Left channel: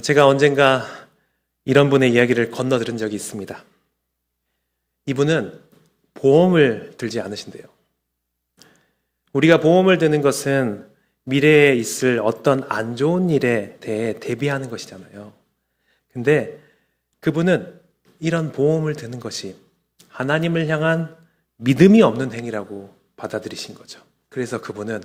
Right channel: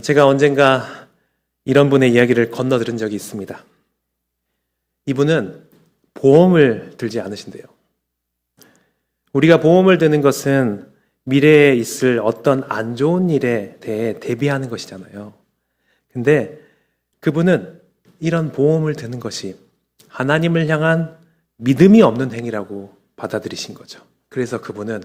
제가 언젠가 이런 분의 이야기를 건너들은 적이 있습니다. 이분은 보험을 들지 않으신대요. 우리가 보험을 드는 것은 미래에 있을 어떤 안 좋은 일에 대해 대비하는 것이잖아요. 근데 그분은 이런 보험을 드는 것이 하나님을 향한 믿음이 없는 행위라고 받아들이신 거죠. 그래서 그분은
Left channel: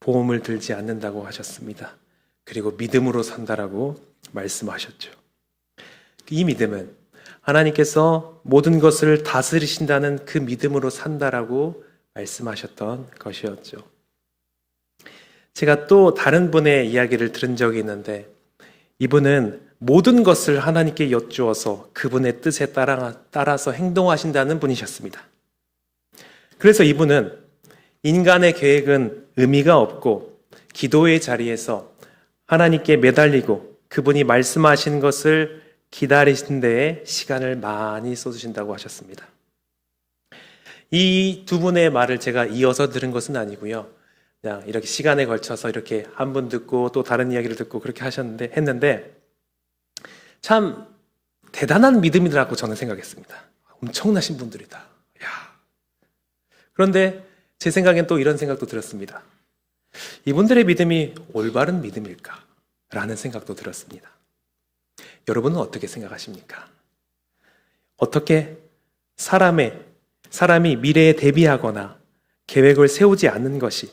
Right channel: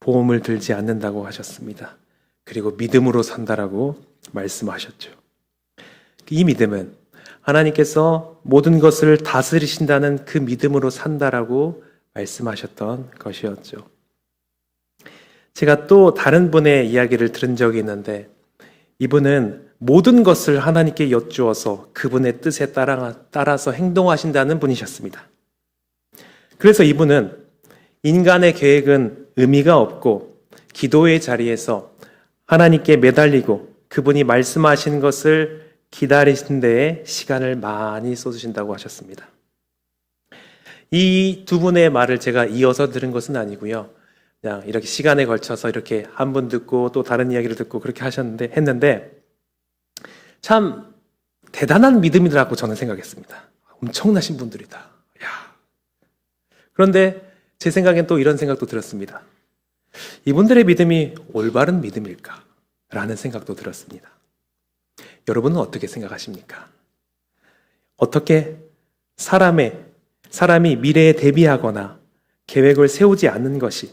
보험을 들지 않는다고 하셨습니다. 그리고 믿음으로 산다라고 말씀하셨죠. 이 믿음은 하나님께서 모든 것을 다스리신다는 그 믿음으로 산다라고 말씀하셨던 것이었죠. 제가 또 다른 분의 이야기를 들은 적이 있는데 이분은 모든 것을 하나님께 여쭈어서 그분의 뜻에 따라서 행동하신다는 분이셨습니다. 그래서 이분은 인간의 계획은 의미가 없고 기도의 자리에서 하나님께 매달리고 그분이 말씀하신 것을 기다리신 데에 시간을 많이 쏟으신다고 하셨습니다. 이 두 분의 말을 제가 이어서 들은 것은 아니고요. 그냥 이렇게 시간에 걸쳐서 이렇게 한 분 듣고 또 다른 이야기를 듣고 그렇게 했는데 참 대단한 믿음이라고 저는 생각했습니다. 엄청나신 분들이다. 야. 그런데 제 생각엔 또 이런 생각도 들었습니다. 이분들의 믿음이 올바른 믿음일까? 라는 생각도 들었습니다. 여러분은 어떻게 생각하십니까? 어떻게 사람이 미래에 대비하거나 계획을 세우지 않는 것이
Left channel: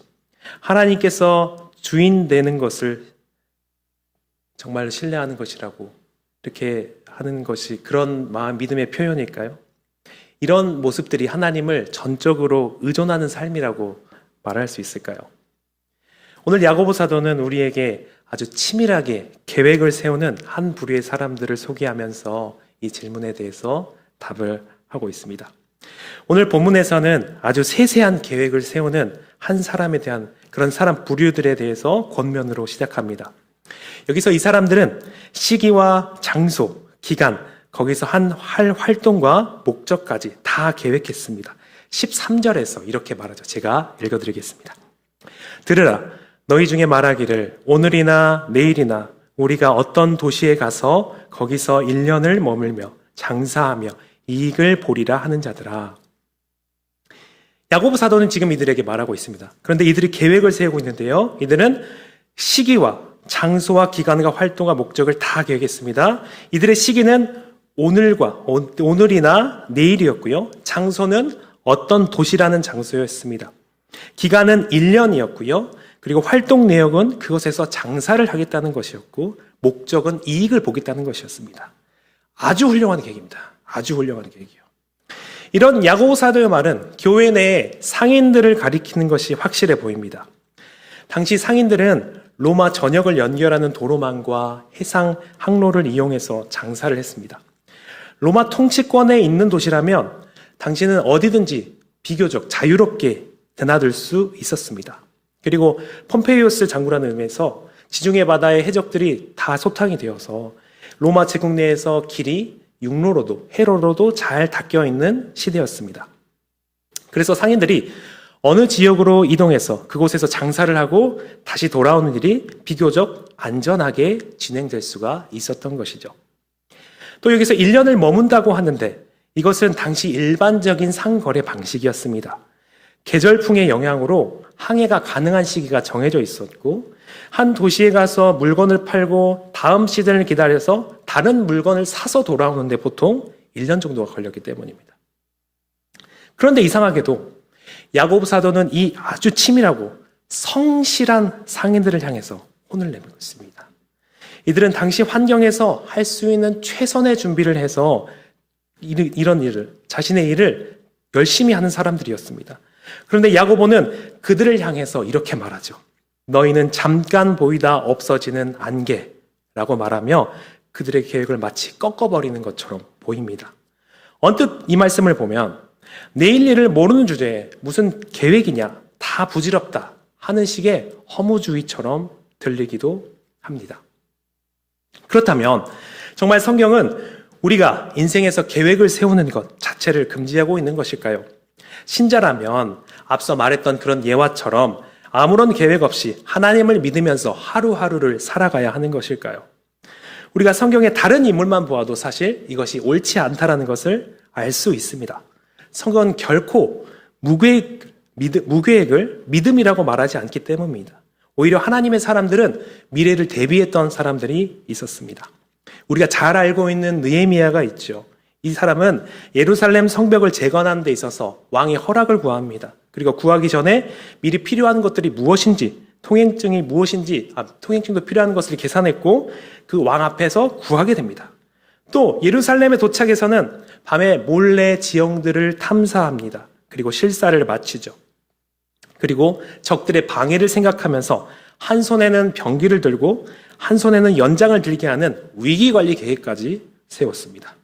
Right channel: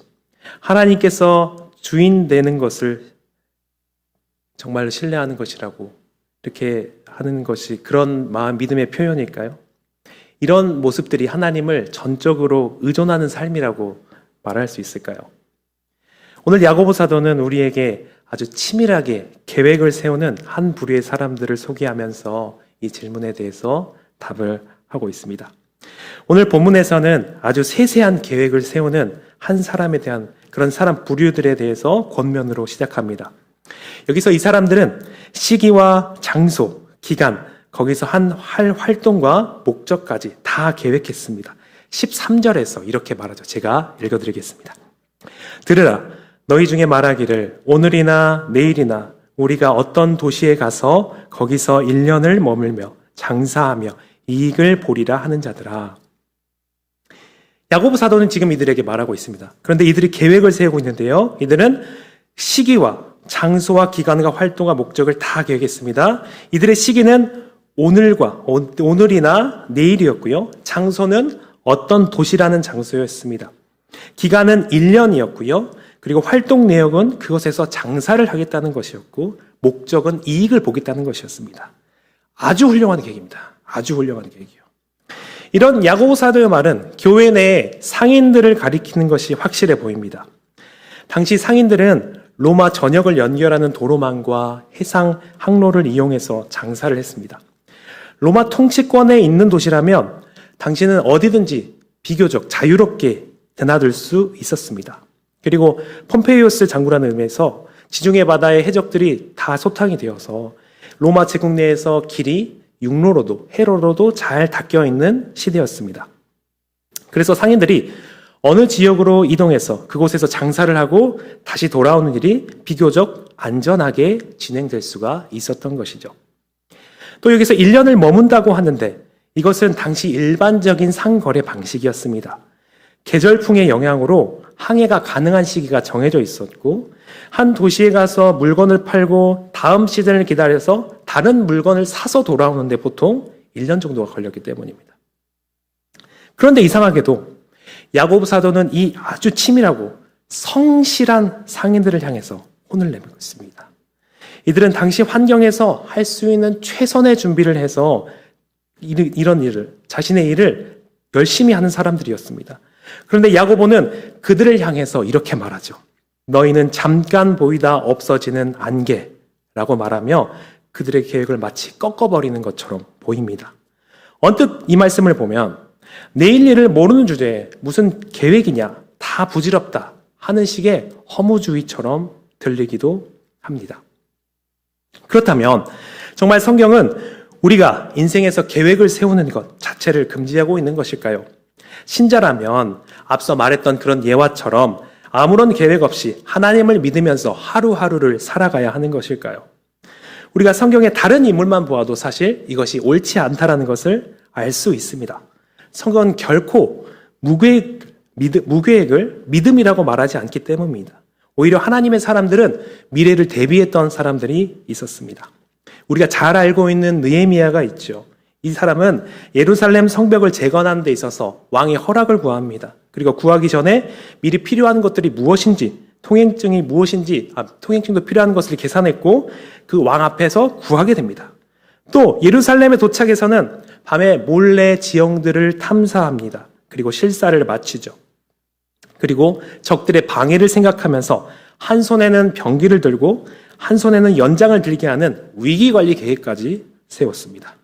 하나님께서 주인 되는 것을 정말 신뢰하는 것이라고 이렇게 하는 것이 그런 마음 믿음의 표현일까요? 이런 모습들이 하나님을 전적으로 의존하는 삶이라고 말할 수 있을까요? 오늘 야고보 사도는 우리에게 아주 치밀하게 계획을 세우는 한 부류의 사람들을 소개하면서 이 질문에 대해서 답을 하고 있습니다. 오늘 본문에서는 아주 세세한 계획을 세우는 한 사람에 대한 그런 사람 부류들에 대해서 권면으로 시작합니다. 여기서 이 사람들은 시기와 장소, 기간, 거기서 할 활동과 목적까지 다 계획했습니다. 13절에서 이렇게 말하죠. 제가 읽어드리겠습니다. 들으라, 너희 중에 말하기를 오늘이나 내일이나 우리가 어떤 도시에 가서 거기서 1년을 머물며 장사하며 이익을 보리라 하는 자들아. 야고보 사도는 지금 이들에게 말하고 있습니다. 그런데 이들이 계획을 세우고 있는데요. 이들은 시기와 장소와 기간과 활동과 목적을 다 계획했습니다. 이들의 시기는 오늘이나 내일이었고요. 장소는 어떤 도시라는 장소였습니다. 기간은 1년이었고요. 그리고 활동 내역은 그곳에서 장사를 하겠다는 것이었고 목적은 이익을 보겠다는 것이었습니다. 아주 훌륭한 계획입니다. 아주 훌륭한 계획이요. 이런 야고보 사도의 말은 교회 내에 상인들을 가리키는 것이 확실해 보입니다. 당시 상인들은 로마 전역을 연결하는 도로망과 해상 항로를 이용해서 장사를 했습니다. 로마 통치권에 있는 도시라면 당시는 어디든지 비교적 자유롭게 드나들 수 있었습니다. 그리고 폼페이오스 장군라는 의미에서 지중해 바다의 해적들이 다 소탕이 되어서 로마 제국 내에서 길이 육로로도 해로로도 잘 닦여 있는 시대였습니다. 그래서 상인들이 어느 지역으로 이동해서 그곳에서 장사를 하고 다시 돌아오는 일이 비교적 안전하게 진행될 수가 있었던 것이죠. 또 여기서 1년을 머문다고 하는데 이것은 당시 일반적인 상거래 방식이었습니다. 계절풍의 영향으로 항해가 가능한 시기가 정해져 있었고 한 도시에 가서 물건을 팔고 다음 시즌을 기다려서 다른 물건을 사서 돌아오는데 보통 1년 정도가 걸렸기 때문입니다. 그런데 이상하게도 야고보 사도는 이 아주 치밀하고 성실한 상인들을 향해서 혼을 내밀고 있습니다. 이들은 당시 환경에서 할 수 있는 최선의 준비를 해서 이런 일을, 자신의 일을 열심히 하는 사람들이었습니다. 그런데 야고보는 그들을 향해서 이렇게 말하죠. 너희는 잠깐 보이다 없어지는 안개라고 말하며 그들의 계획을 마치 꺾어버리는 것처럼 보입니다. 언뜻 이 말씀을 보면 내일 일을 모르는 주제에 무슨 계획이냐, 다 부질없다 하는 식의 허무주의처럼 들리기도 합니다. 그렇다면 정말 성경은 우리가 인생에서 계획을 세우는 것 자체를 금지하고 있는 것일까요? 신자라면 앞서 말했던 그런 예화처럼 아무런 계획 없이 하나님을 믿으면서 하루하루를 살아가야 하는 것일까요? 우리가 성경의 다른 인물만 보아도 사실 이것이 옳지 않다라는 것을 알 수 있습니다. 성경은 결코 무계획을 믿음이라고 말하지 않기 때문입니다. 오히려 하나님의 사람들은 미래를 대비했던 사람들이 있었습니다. 우리가 잘 알고 있는 느헤미야가 있죠. 이 사람은 예루살렘 성벽을 재건하는 데 있어서 왕의 허락을 구합니다. 그리고 구하기 전에 미리 필요한 것들이 무엇인지, 통행증이 무엇인지, 통행증도 필요한 것을 계산했고 그 왕 앞에서 구하게 됩니다. 또 예루살렘에 도착해서는 밤에 몰래 지형들을 탐사합니다. 그리고 실사를 마치죠. 그리고 적들의 방해를 생각하면서 한 손에는 병기를 들고 한 손에는 연장을 들게 하는 위기관리 계획까지 세웠습니다.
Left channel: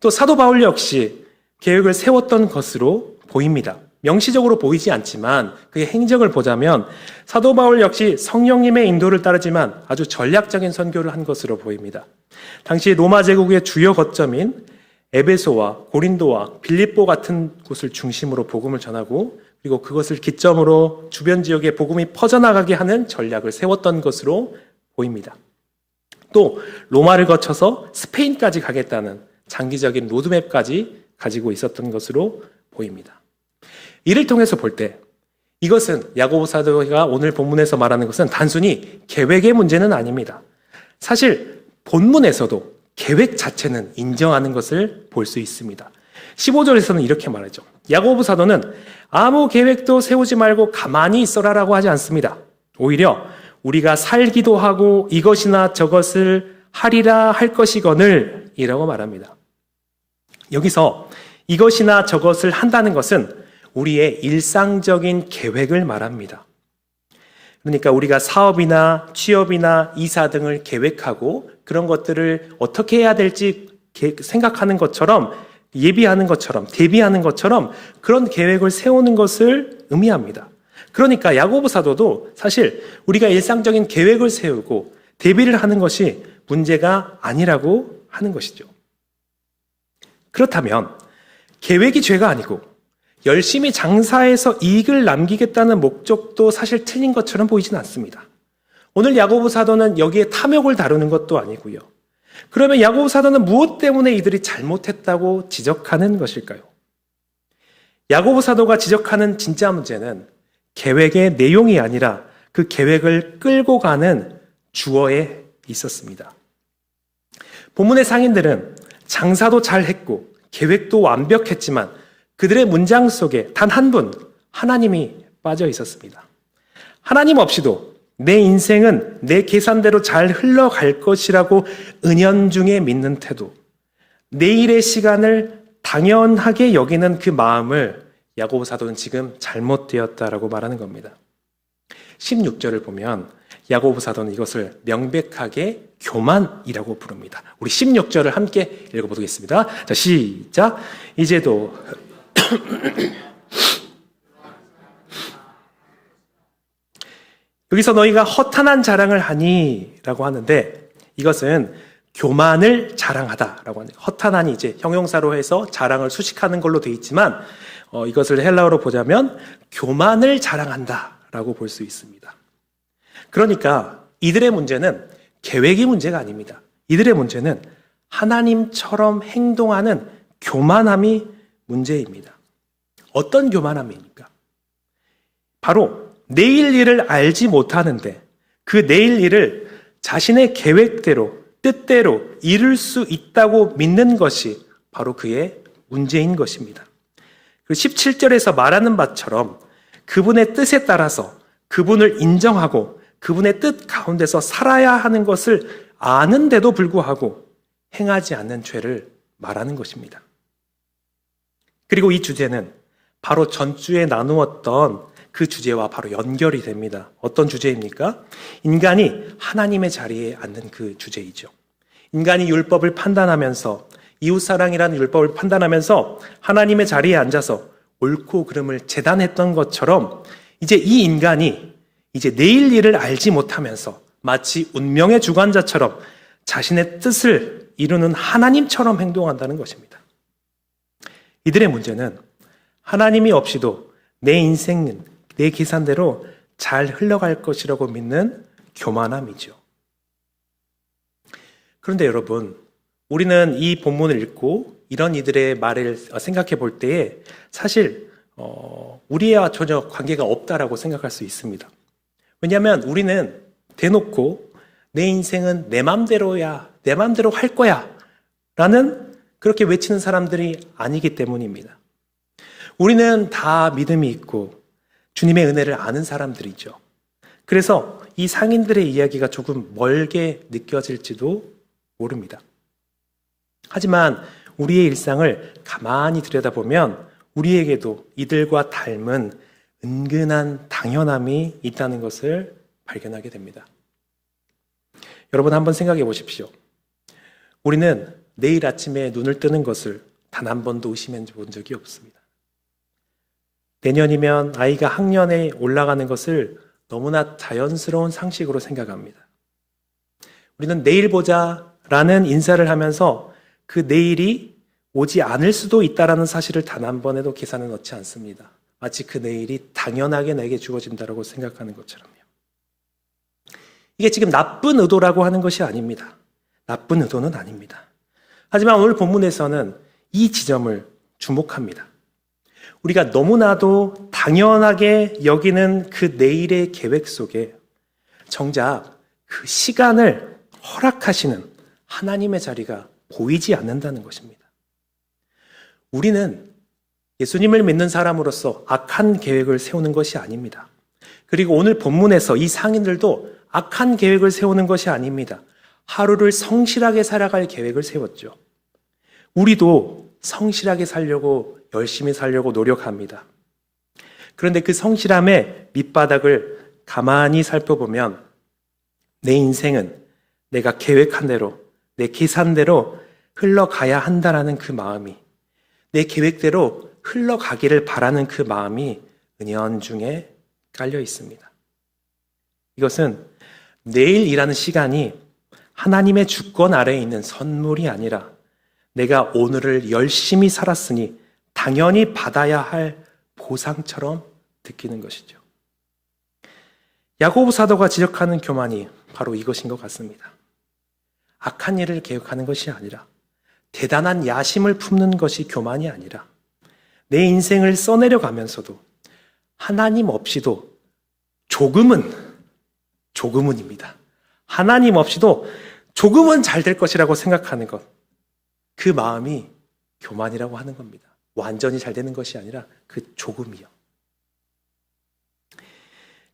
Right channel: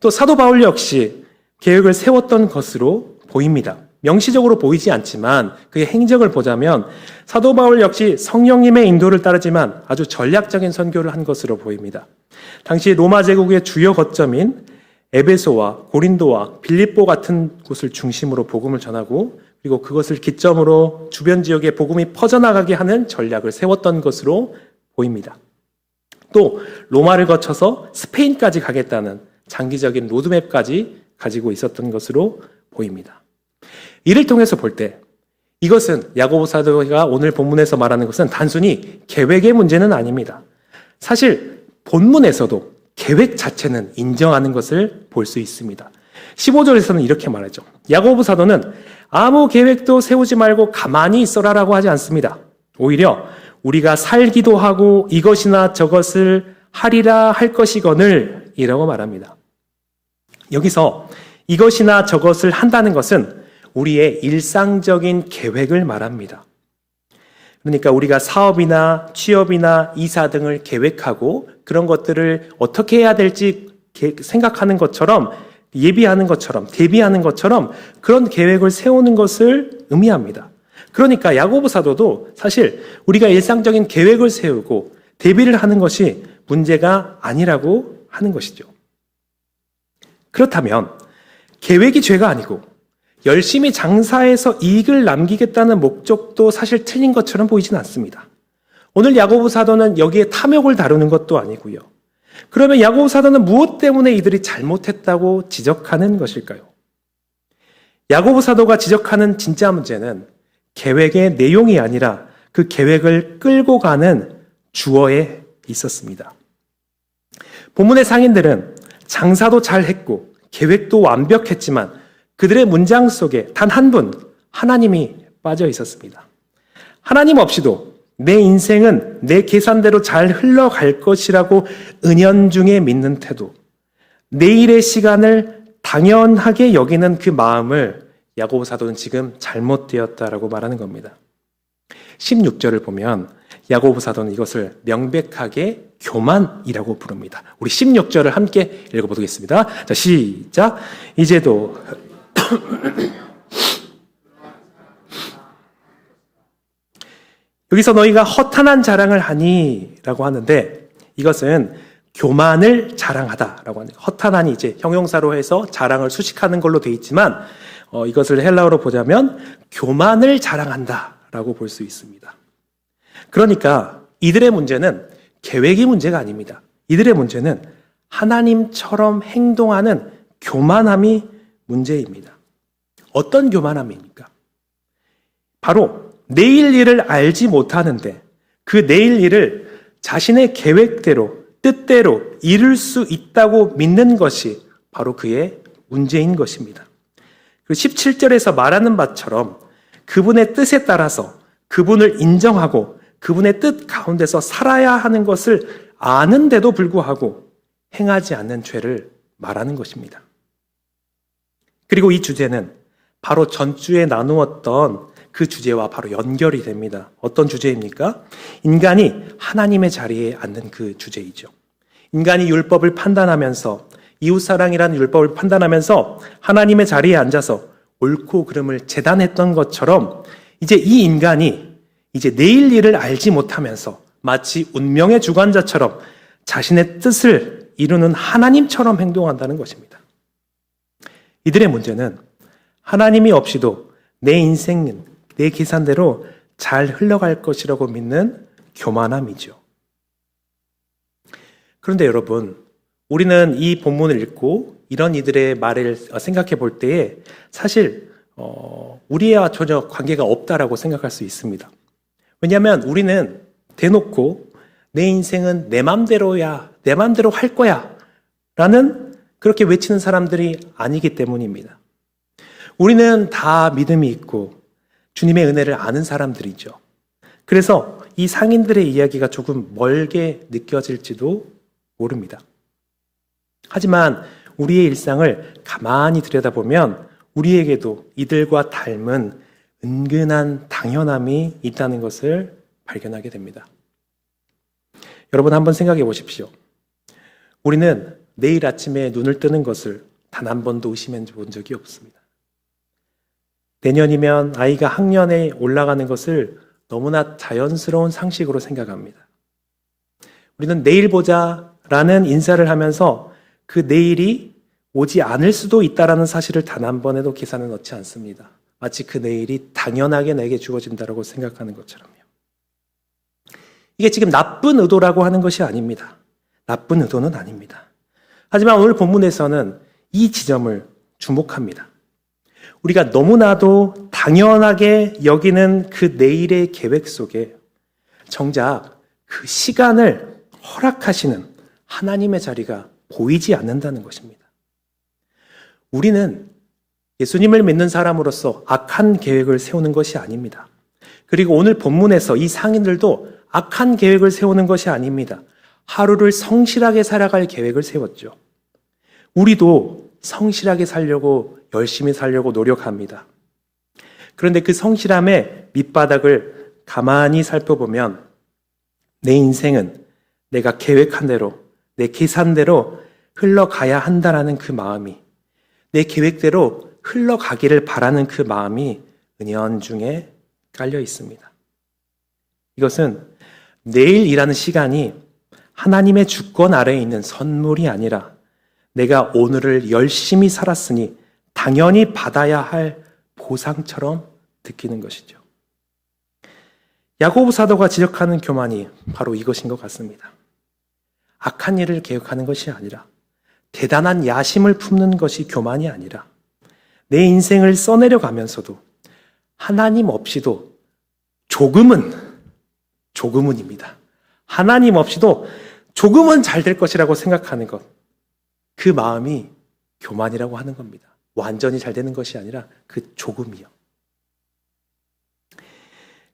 또 사도 바울 역시 계획을 세웠던 것으로 보입니다. 명시적으로 보이지 않지만 그의 행적을 보자면 사도 바울 역시 성령님의 인도를 따르지만 아주 전략적인 선교를 한 것으로 보입니다. 당시 로마 제국의 주요 거점인 에베소와 고린도와 빌립보 같은 곳을 중심으로 복음을 전하고 그리고 그것을 기점으로 주변 지역에 복음이 퍼져나가게 하는 전략을 세웠던 것으로 보입니다. 또 로마를 거쳐서 스페인까지 가겠다는 장기적인 로드맵까지 가지고 있었던 것으로 보입니다. 이를 통해서 볼 때 이것은 야고보 사도가 오늘 본문에서 말하는 것은 단순히 계획의 문제는 아닙니다. 사실 본문에서도 계획 자체는 인정하는 것을 볼 수 있습니다. 15절에서는 이렇게 말하죠. 야고보 사도는 아무 계획도 세우지 말고 가만히 있어라라고 하지 않습니다. 오히려 우리가 살기도 하고 이것이나 저것을 하리라 할 것이거늘 이라고 말합니다. 여기서 이것이나 저것을 한다는 것은 우리의 일상적인 계획을 말합니다. 그러니까 우리가 사업이나 취업이나 이사 등을 계획하고 그런 것들을 어떻게 해야 될지 생각하는 것처럼 예비하는 것처럼 대비하는 것처럼 그런 계획을 세우는 것을 의미합니다. 그러니까 야고보 사도도 사실 우리가 일상적인 계획을 세우고 대비를 하는 것이 문제가 아니라고 하는 것이죠. 그렇다면 계획이 죄가 아니고 열심히 장사해서 이익을 남기겠다는 목적도 사실 틀린 것처럼 보이지는 않습니다. 오늘 야고보 사도는 여기에 탐욕을 다루는 것도 아니고요. 그러면 야고보 사도는 무엇 때문에 이들이 잘못했다고 지적하는 것일까요? 야고보 사도가 지적하는 진짜 문제는 계획의 내용이 아니라 그 계획을 끌고 가는 주어에 있었습니다. 본문의 상인들은 장사도 잘했고 계획도 완벽했지만 그들의 문장 속에 단 한 분, 하나님이 빠져 있었습니다. 하나님 없이도 내 인생은 내 계산대로 잘 흘러갈 것이라고 은연중에 믿는 태도, 내일의 시간을 당연하게 여기는 그 마음을 야고보 사도는 지금 잘못되었다라고 말하는 겁니다. 16절을 보면 야고보 사도는 이것을 명백하게 교만이라고 부릅니다. 우리 16절을 함께 읽어보겠습니다. 자, 시작. 이제도 여기서 너희가 허탄한 자랑을 하니 라고 하는데 이것은 교만을 자랑하다라고 하는 허탄한이 이제 형용사로 해서 자랑을 수식하는 걸로 되어 있지만 이것을 헬라어로 보자면 교만을 자랑한다라고 볼 수 있습니다. 그러니까 이들의 문제는 계획의 문제가 아닙니다. 이들의 문제는 하나님처럼 행동하는 교만함이 문제입니다. 어떤 교만함입니까? 바로 내일 일을 알지 못하는데 그 내일 일을 자신의 계획대로 뜻대로 이룰 수 있다고 믿는 것이 바로 그의 문제인 것입니다. 그 17절에서 말하는 바처럼 그분의 뜻에 따라서 그분을 인정하고 그분의 뜻 가운데서 살아야 하는 것을 아는데도 불구하고 행하지 않는 죄를 말하는 것입니다. 그리고 이 주제는 바로 전주에 나누었던 그 주제와 바로 연결이 됩니다. 어떤 주제입니까? 인간이 하나님의 자리에 앉는 그 주제이죠. 인간이 율법을 판단하면서 이웃사랑이라는 율법을 판단하면서 하나님의 자리에 앉아서 옳고 그름을 재단했던 것처럼 이제 이 인간이 이제 내일 일을 알지 못하면서 마치 운명의 주관자처럼 자신의 뜻을 이루는 하나님처럼 행동한다는 것입니다. 이들의 문제는 하나님이 없이도 내 인생은 내 계산대로 잘 흘러갈 것이라고 믿는 교만함이죠. 그런데 여러분, 우리는 이 본문을 읽고 이런 이들의 말을 생각해 볼 때에 사실 우리와 전혀 관계가 없다라고 생각할 수 있습니다. 왜냐하면 우리는 대놓고 내 인생은 내 맘대로야, 내 맘대로 할 거야 라는 그렇게 외치는 사람들이 아니기 때문입니다. 우리는 다 믿음이 있고 주님의 은혜를 아는 사람들이죠. 그래서 이 상인들의 이야기가 조금 멀게 느껴질지도 모릅니다. 하지만 우리의 일상을 가만히 들여다보면 우리에게도 이들과 닮은 은근한 당연함이 있다는 것을 발견하게 됩니다. 여러분 한번 생각해 보십시오. 우리는 내일 아침에 눈을 뜨는 것을 단 한 번도 의심해 본 적이 없습니다. 내년이면 아이가 학년에 올라가는 것을 너무나 자연스러운 상식으로 생각합니다. 우리는 내일 보자 라는 인사를 하면서 그 내일이 오지 않을 수도 있다라는 사실을 단 한 번에도 계산을 넣지 않습니다. 마치 그 내일이 당연하게 내게 주어진다라고 생각하는 것처럼요. 이게 지금 나쁜 의도라고 하는 것이 아닙니다. 나쁜 의도는 아닙니다. 하지만 오늘 본문에서는 이 지점을 주목합니다. 우리가 너무나도 당연하게 여기는 그 내일의 계획 속에 정작 그 시간을 허락하시는 하나님의 자리가 보이지 않는다는 것입니다. 우리는 예수님을 믿는 사람으로서 악한 계획을 세우는 것이 아닙니다. 그리고 오늘 본문에서 이 상인들도 악한 계획을 세우는 것이 아닙니다. 하루를 성실하게 살아갈 계획을 세웠죠. 우리도 성실하게 살려고 열심히 살려고 노력합니다. 그런데 그 성실함의 밑바닥을 가만히 살펴보면 내 인생은 내가 계획한 대로 내 계산대로 흘러가야 한다라는 그 마음이 내 계획대로 흘러가기를 바라는 그 마음이 은연중에 깔려 있습니다. 이것은 내일이라는 시간이 하나님의 주권 아래에 있는 선물이 아니라 내가 오늘을 열심히 살았으니 당연히 받아야 할 보상처럼 느끼는 것이죠. 야고보 사도가 지적하는 교만이 바로 이것인 것 같습니다. 악한 일을 계획하는 것이 아니라 대단한 야심을 품는 것이 교만이 아니라 내 인생을 써내려가면서도 하나님 없이도 조금은입니다. 하나님 없이도 조금은 잘 될 것이라고 생각하는 것. 그 마음이 교만이라고 하는 겁니다. 완전히 잘 되는 것이 아니라 그 조금이요.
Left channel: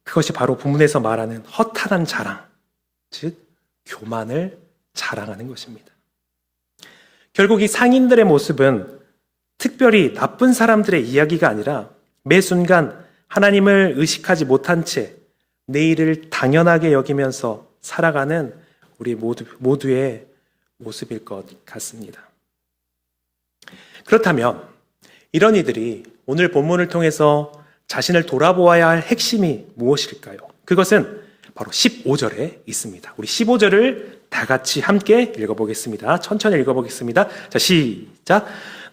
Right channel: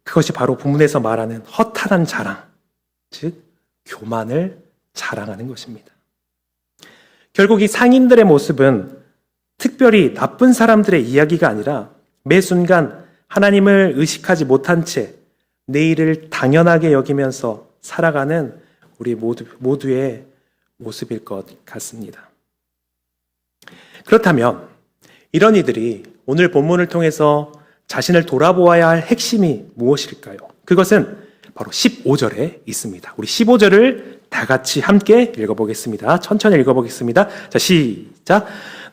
그것이 바로 본문에서 말하는 허탈한 자랑, 즉 교만을 자랑하는 것입니다. 결국 이 상인들의 모습은 특별히 나쁜 사람들의 이야기가 아니라 매 순간 하나님을 의식하지 못한 채 내일을 당연하게 여기면서 살아가는 우리 모두의 모습일 것 같습니다. 그렇다면 이런 이들이 오늘 본문을 통해서 자신을 돌아보아야 할 핵심이 무엇일까요? 그것은 바로 15절에 있습니다. 우리 15절을 다 같이 함께 읽어보겠습니다. 천천히 읽어보겠습니다. 자, 시작.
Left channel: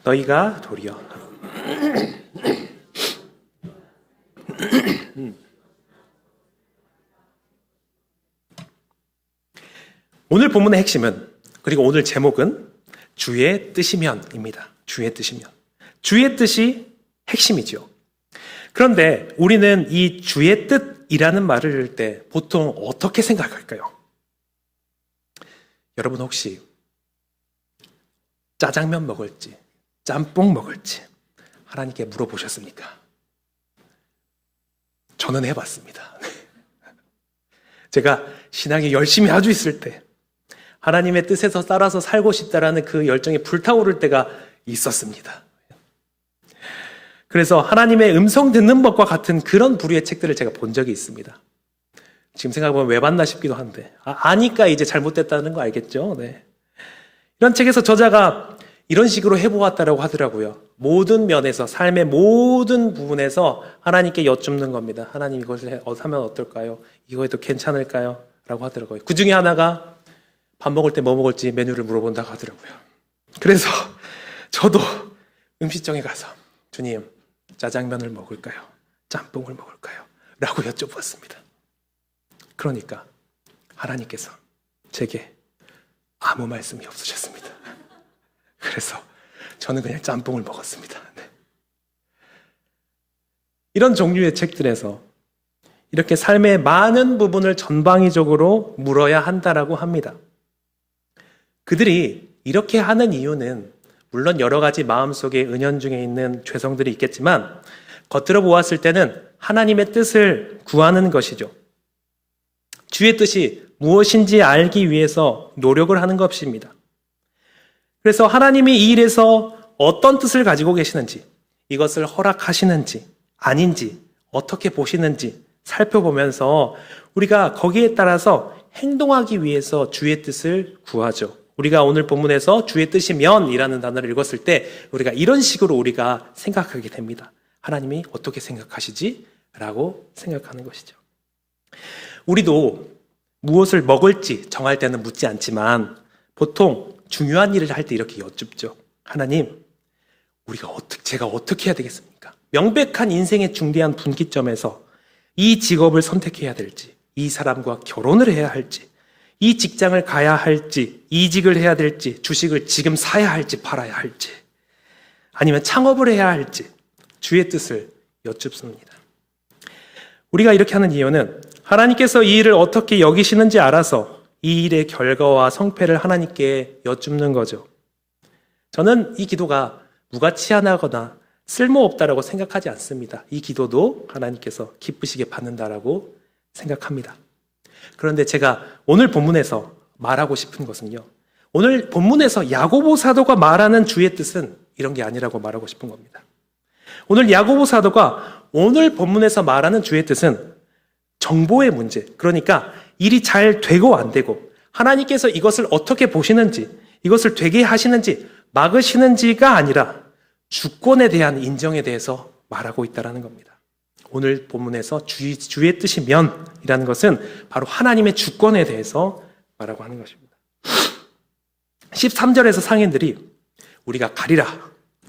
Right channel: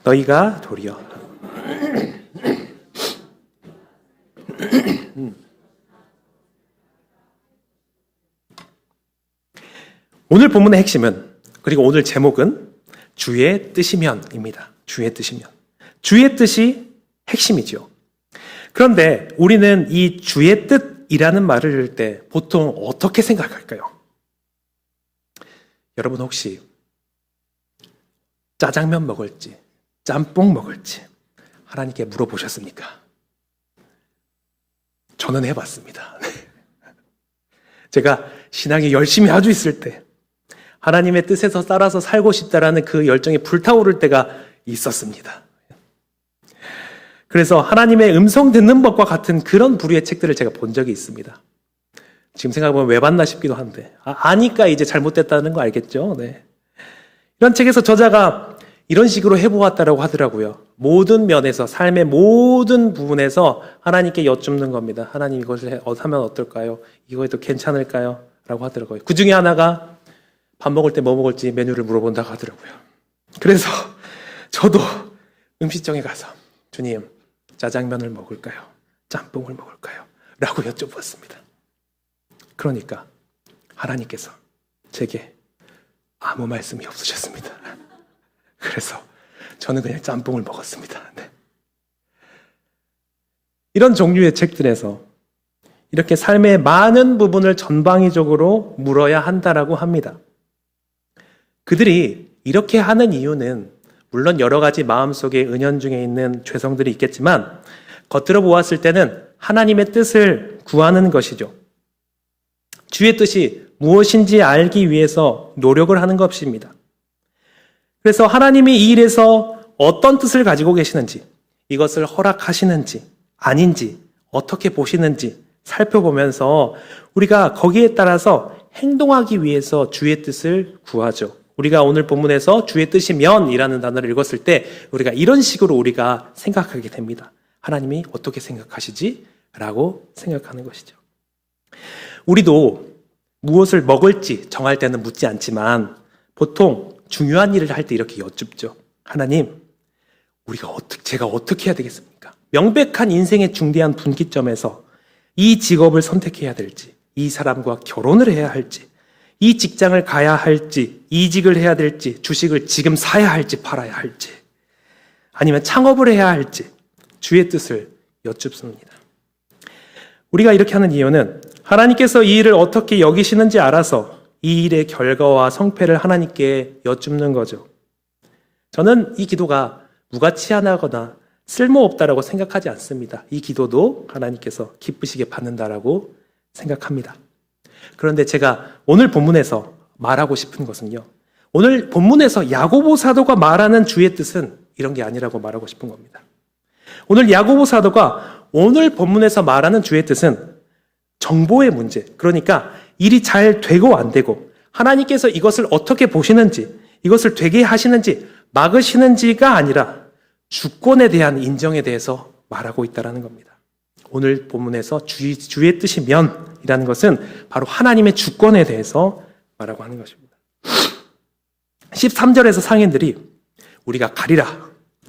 너희가 도리어 오늘 본문의 핵심은, 그리고 오늘 제목은 주의 뜻이면입니다. 주의 뜻이면. 주의 뜻이 핵심이죠. 그런데 우리는 이 주의 뜻이라는 말을 들을 때 보통 어떻게 생각할까요? 여러분 혹시 짜장면 먹을지 짬뽕 먹을지 하나님께 물어보셨습니까? 저는 해봤습니다. 제가 신앙에 열심히 아주 있을 때 하나님의 뜻에서 따라서 살고 싶다라는 그 열정이 불타오를 때가 있었습니다. 그래서 하나님의 음성 듣는 법과 같은 그런 부류의 책들을 제가 본 적이 있습니다. 지금 생각해보면 왜 봤나 싶기도 한데 아니까 이제 잘못됐다는 거 알겠죠? 네. 이런 책에서 저자가 이런 식으로 해보았다라고 하더라고요. 모든 면에서 삶의 모든 부분에서 하나님께 여쭙는 겁니다. 하나님 이것을 하면 어떨까요? 이거에도 괜찮을까요? 라고 하더라고요. 그 중에 하나가 밥 먹을 때 뭐 먹을지 메뉴를 물어본다고 하더라고요. 그래서 저도 음식점에 가서 주님 짜장면을 먹을까요? 짬뽕을 먹을까요? 라고 여쭤봤습니다. 그러니까 하나님께서 제게 아무 말씀이 없으셨습니다. 그래서 저는 그냥 짬뽕을 먹었습니다. 네. 이런 종류의 책들에서 이렇게 삶의 많은 부분을 전방위적으로 물어야 한다라고 합니다. 그들이 이렇게 하는 이유는 물론 여러 가지 마음속에 은연중에 있는 죄성들이 있겠지만 겉으로 보았을 때는 하나님의 뜻을 구하는 것이죠. 주의 뜻이 무엇인지 알기 위해서 노력을 하는 것입니다. 그래서 하나님이 이 일에서 어떤 뜻을 가지고 계시는지, 이것을 허락하시는지 아닌지 어떻게 보시는지 살펴보면서 우리가 거기에 따라서 행동하기 위해서 주의 뜻을 구하죠. 우리가 오늘 본문에서 주의 뜻이면 이라는 단어를 읽었을 때 우리가 이런 식으로 우리가 생각하게 됩니다. 하나님이 어떻게 생각하시지? 라고 생각하는 것이죠. 우리도 무엇을 먹을지 정할 때는 묻지 않지만 보통 중요한 일을 할 때 이렇게 여쭙죠. 하나님, 제가 어떻게 해야 되겠습니까? 명백한 인생의 중대한 분기점에서 이 직업을 선택해야 될지, 이 사람과 결혼을 해야 할지, 이 직장을 가야 할지, 이직을 해야 될지, 주식을 지금 사야 할지 팔아야 할지, 아니면 창업을 해야 할지 주의 뜻을 여쭙습니다. 우리가 이렇게 하는 이유는 하나님께서 이 일을 어떻게 여기시는지 알아서 이 일의 결과와 성패를 하나님께 여쭙는 거죠. 저는 이 기도가 무가치하거나 쓸모없다라고 생각하지 않습니다. 이 기도도 하나님께서 기쁘시게 받는다라고 생각합니다. 그런데 제가 오늘 본문에서 말하고 싶은 것은요. 오늘 본문에서 야고보 사도가 말하는 주의 뜻은 이런 게 아니라고 말하고 싶은 겁니다. 오늘 야고보 사도가 오늘 본문에서 말하는 주의 뜻은 정보의 문제, 그러니까 일이 잘 되고 안 되고 하나님께서 이것을 어떻게 보시는지, 이것을 되게 하시는지 막으시는지가 아니라 주권에 대한 인정에 대해서 말하고 있다는 겁니다. 오늘 본문에서 주의 뜻이면이라는 것은 바로 하나님의 주권에 대해서 말하고 하는 것입니다. 13절에서 상인들이 우리가 가리라,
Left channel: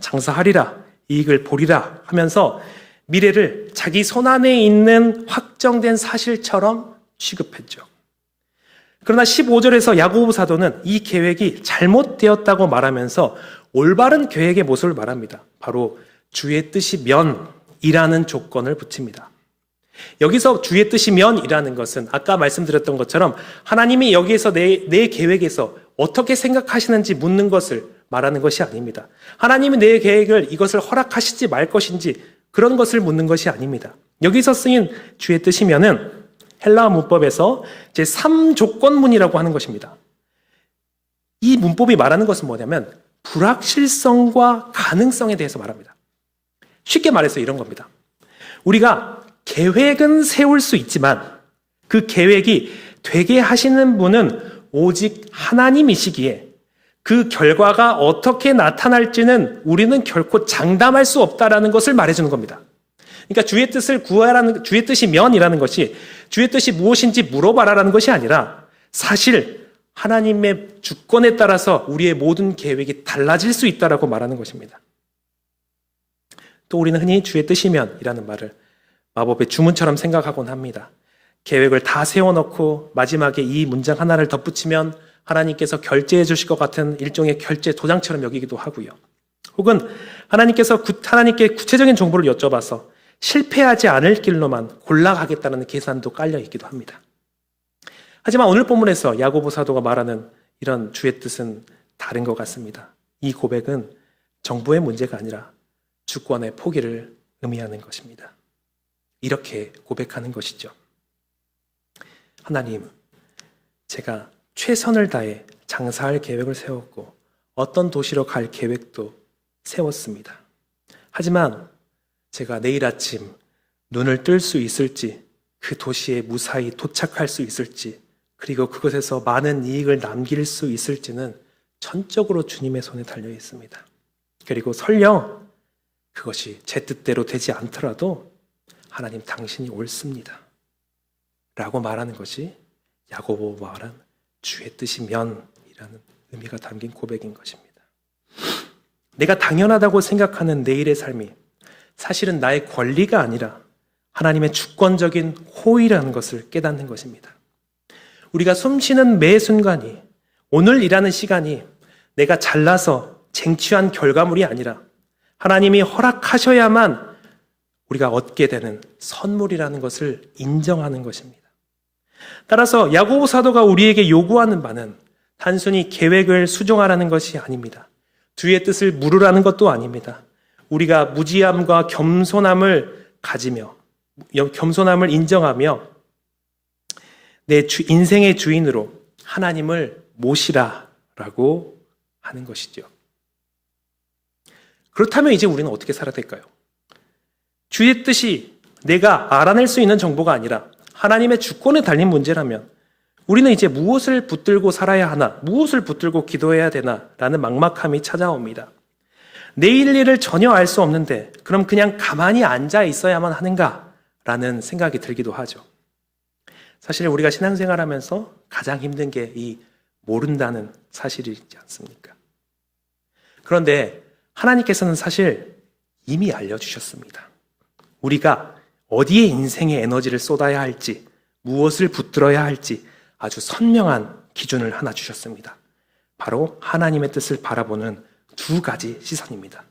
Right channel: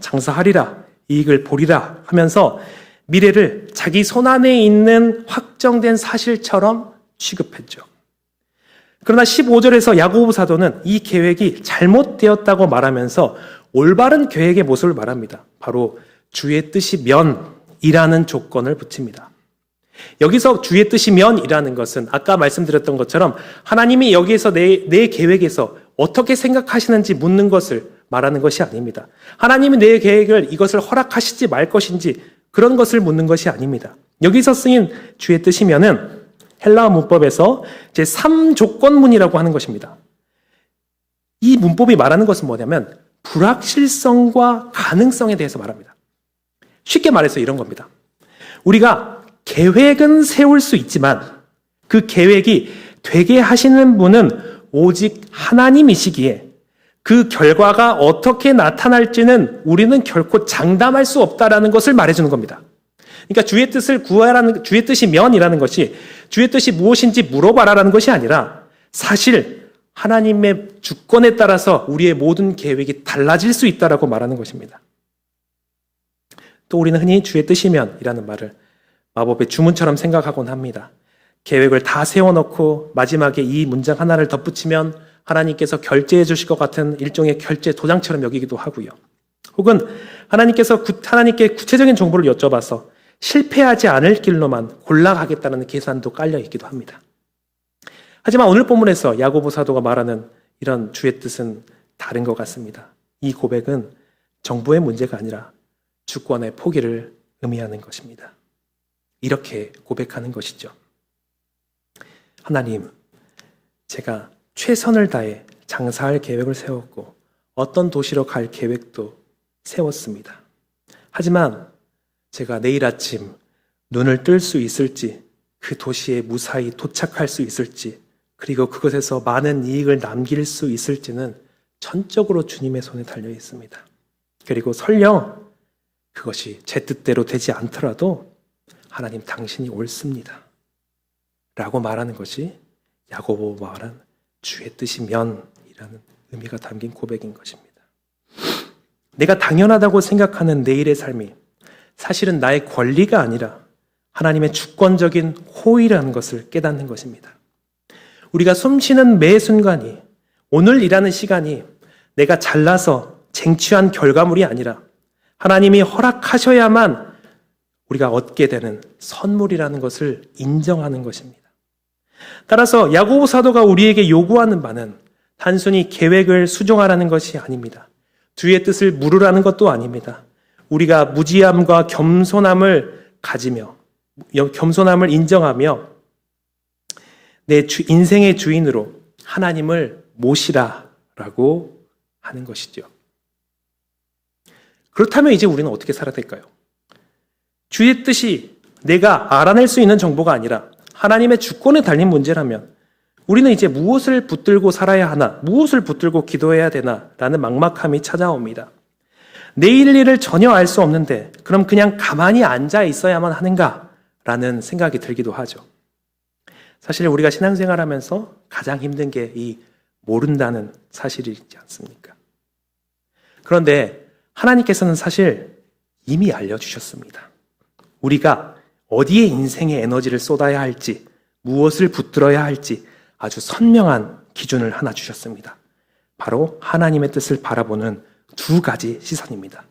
장사하리라, 이익을 보리라 하면서 미래를 자기 손안에 있는 확정된 사실처럼 취급했죠. 그러나 15절에서 야고보 사도는 이 계획이 잘못되었다고 말하면서 올바른 계획의 모습을 말합니다. 바로 주의 뜻이면이라는 조건을 붙입니다. 여기서 주의 뜻이면이라는 것은 아까 말씀드렸던 것처럼 하나님이 여기에서 내 계획에서 어떻게 생각하시는지 묻는 것을 말하는 것이 아닙니다. 하나님이 내 계획을 이것을 허락하시지 말 것인지 그런 것을 묻는 것이 아닙니다. 여기서 쓰인 주의 뜻이면은 헬라어 문법에서 제3조건문이라고 하는 것입니다. 이 문법이 말하는 것은 뭐냐면 불확실성과 가능성에 대해서 말합니다. 쉽게 말해서 이런 겁니다. 우리가 계획은 세울 수 있지만 그 계획이 되게 하시는 분은 오직 하나님이시기에 그 결과가 어떻게 나타날지는 우리는 결코 장담할 수 없다라는 것을 말해주는 겁니다. 그러니까 주의 뜻을 구하라는, 주의 뜻이면이라는 것이 주의 뜻이 무엇인지 물어봐라라는 것이 아니라 사실 하나님의 주권에 따라서 우리의 모든 계획이 달라질 수 있다라고 말하는 것입니다. 또 우리는 흔히 주의 뜻이면이라는 말을 마법의 주문처럼 생각하곤 합니다. 계획을 다 세워놓고 마지막에 이 문장 하나를 덧붙이면 하나님께서 결제해 주실 것 같은 일종의 결제 도장처럼 여기기도 하고요. 혹은 하나님께 구체적인 정보를 여쭤봐서 실패하지 않을 길로만 골라가겠다는 계산도 깔려 있기도 합니다. 하지만 오늘 본문에서 야고보 사도가 말하는 이런 주의 뜻은 다른 것 같습니다. 이 고백은 정보의 문제가 아니라 주권의 포기를 의미하는 것입니다. 이렇게 고백하는 것이죠. 하나님, 제가 최선을 다해 장사할 계획을 세웠고 어떤 도시로 갈 계획도 세웠습니다. 하지만 제가 내일 아침 눈을 뜰 수 있을지, 그 도시에 무사히 도착할 수 있을지, 그리고 그것에서 많은 이익을 남길 수 있을지는 전적으로 주님의 손에 달려 있습니다. 그리고 설령 그것이 제 뜻대로 되지 않더라도 하나님 당신이 옳습니다. 라고 말하는 것이 야고보 말한 주의 뜻이면이라는 의미가 담긴 고백인 것입니다. 내가 당연하다고 생각하는 내일의 삶이 사실은 나의 권리가 아니라 하나님의 주권적인 호의라는 것을 깨닫는 것입니다. 우리가 숨쉬는 매 순간이 오늘 일하는 시간이 내가 잘나서 쟁취한 결과물이 아니라 하나님이 허락하셔야만 우리가 얻게 되는 선물이라는 것을 인정하는 것입니다. 따라서 야고보 사도가 우리에게 요구하는 바는 단순히 계획을 수정하라는 것이 아닙니다. 주의 뜻을 물으라는 것도 아닙니다. 우리가 무지함과 겸손함을 가지며 겸손함을 인정하며 내 인생의 주인으로 하나님을 모시라라고 하는 것이죠. 그렇다면 이제 우리는 어떻게 살아야 될까요? 주의 뜻이 내가 알아낼 수 있는 정보가 아니라 하나님의 주권에 달린 문제라면 우리는 이제 무엇을 붙들고 살아야 하나, 무엇을 붙들고 기도해야 되나 라는 막막함이 찾아옵니다. 내일 일을 전혀 알 수 없는데 그럼 그냥 가만히 앉아 있어야만 하는가 라는 생각이 들기도 하죠. 사실 우리가 신앙생활하면서 가장 힘든 게 이 모른다는 사실이지 않습니까? 그런데 하나님께서는 사실 이미 알려주셨습니다. 우리가 어디에 인생의 에너지를 쏟아야 할지, 무엇을 붙들어야 할지 아주 선명한 기준을 하나 주셨습니다. 바로 하나님의 뜻을 바라보는 두 가지 시선입니다.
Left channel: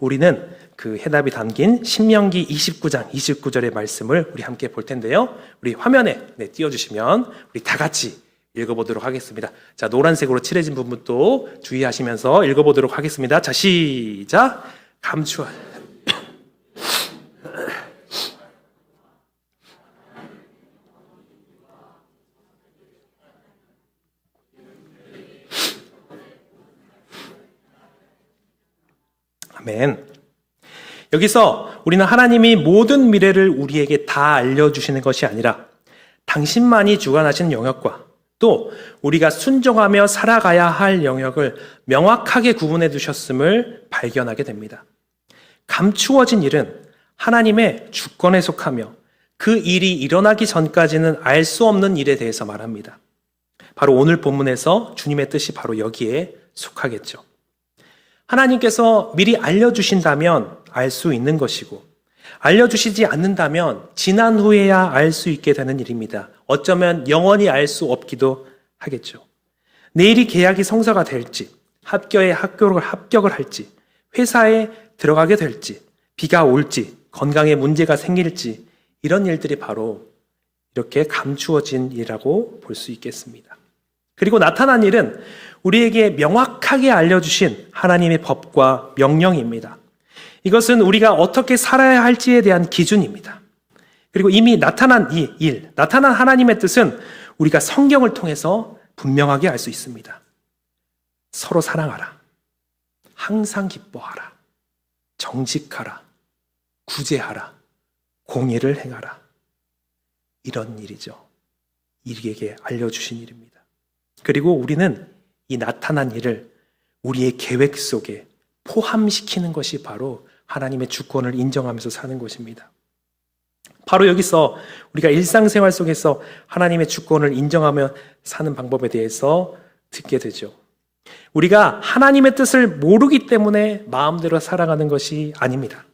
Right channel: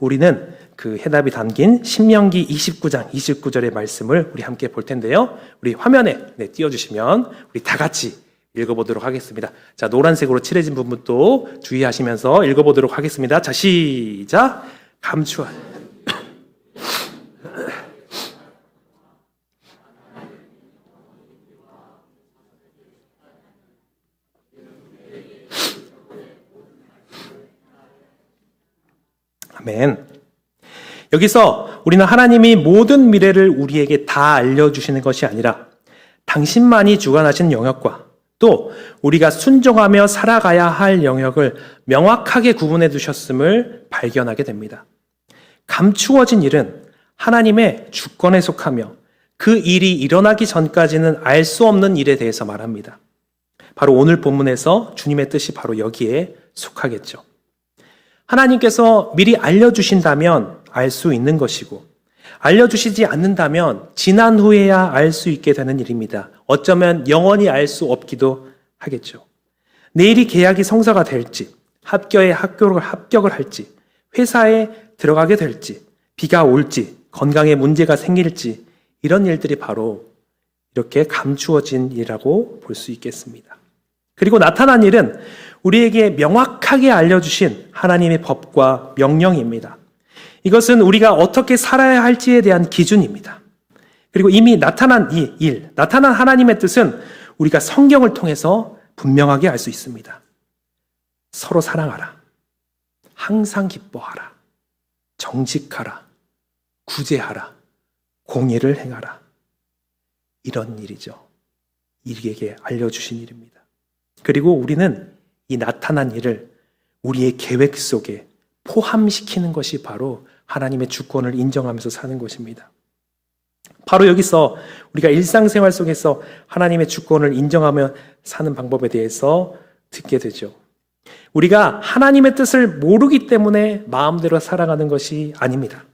우리는 그 해답이 담긴 신명기 29장 29절의 말씀을 우리 함께 볼 텐데요. 우리 화면에 띄워주시면 우리 다 같이 읽어보도록 하겠습니다. 자, 노란색으로 칠해진 부분도 주의하시면서 읽어보도록 하겠습니다. 자, 시작! 감추어. 아멘. 여기서 우리는 하나님이 모든 미래를 우리에게 다 알려주시는 것이 아니라 당신만이 주관하시는 영역과 또 우리가 순종하며 살아가야 할 영역을 명확하게 구분해 두셨음을 발견하게 됩니다. 감추어진 일은 하나님의 주권에 속하며 그 일이 일어나기 전까지는 알 수 없는 일에 대해서 말합니다. 바로 오늘 본문에서 주님의 뜻이 바로 여기에 속하겠죠. 하나님께서 미리 알려주신다면 알 수 있는 것이고 알려주시지 않는다면 지난 후에야 알 수 있게 되는 일입니다. 어쩌면 영원히 알 수 없기도 하겠죠. 내일이 계약이 성사가 될지, 합격을 할지, 회사에 들어가게 될지, 비가 올지, 건강에 문제가 생길지 이런 일들이 바로 이렇게 감추어진 일이라고 볼 수 있겠습니다. 그리고 나타난 일은 우리에게 명확하게 알려주신 하나님의 법과 명령입니다. 이것은 우리가 어떻게 살아야 할지에 대한 기준입니다. 그리고 이미 나타난 이 일, 나타난 하나님의 뜻은 우리가 성경을 통해서 분명하게 알 수 있습니다. 서로 사랑하라. 항상 기뻐하라. 정직하라. 구제하라. 공의를 행하라. 이런 일이죠. 우리에게 알려주신 일입니다. 그리고 우리는 이 나타난 일을 우리의 계획 속에 포함시키는 것이 바로 하나님의 주권을 인정하면서 사는 것입니다. 바로 여기서 우리가 일상생활 속에서 하나님의 주권을 인정하며 사는 방법에 대해서 듣게 되죠. 우리가 하나님의 뜻을 모르기 때문에 마음대로 살아가는 것이 아닙니다.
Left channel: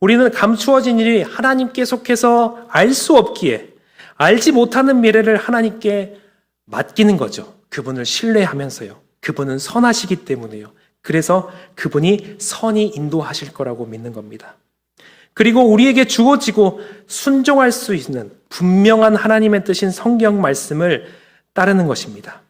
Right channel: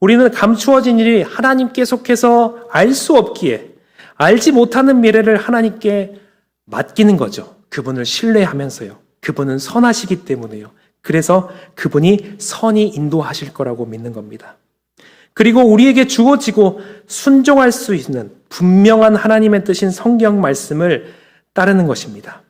우리는 감추어진 일이 하나님께 속해서 알 수 없기에 알지 못하는 미래를 하나님께 맡기는 거죠. 그분을 신뢰하면서요. 그분은 선하시기 때문에요. 그래서 그분이 선히 인도하실 거라고 믿는 겁니다. 그리고 우리에게 주어지고 순종할 수 있는 분명한 하나님의 뜻인 성경 말씀을 따르는 것입니다.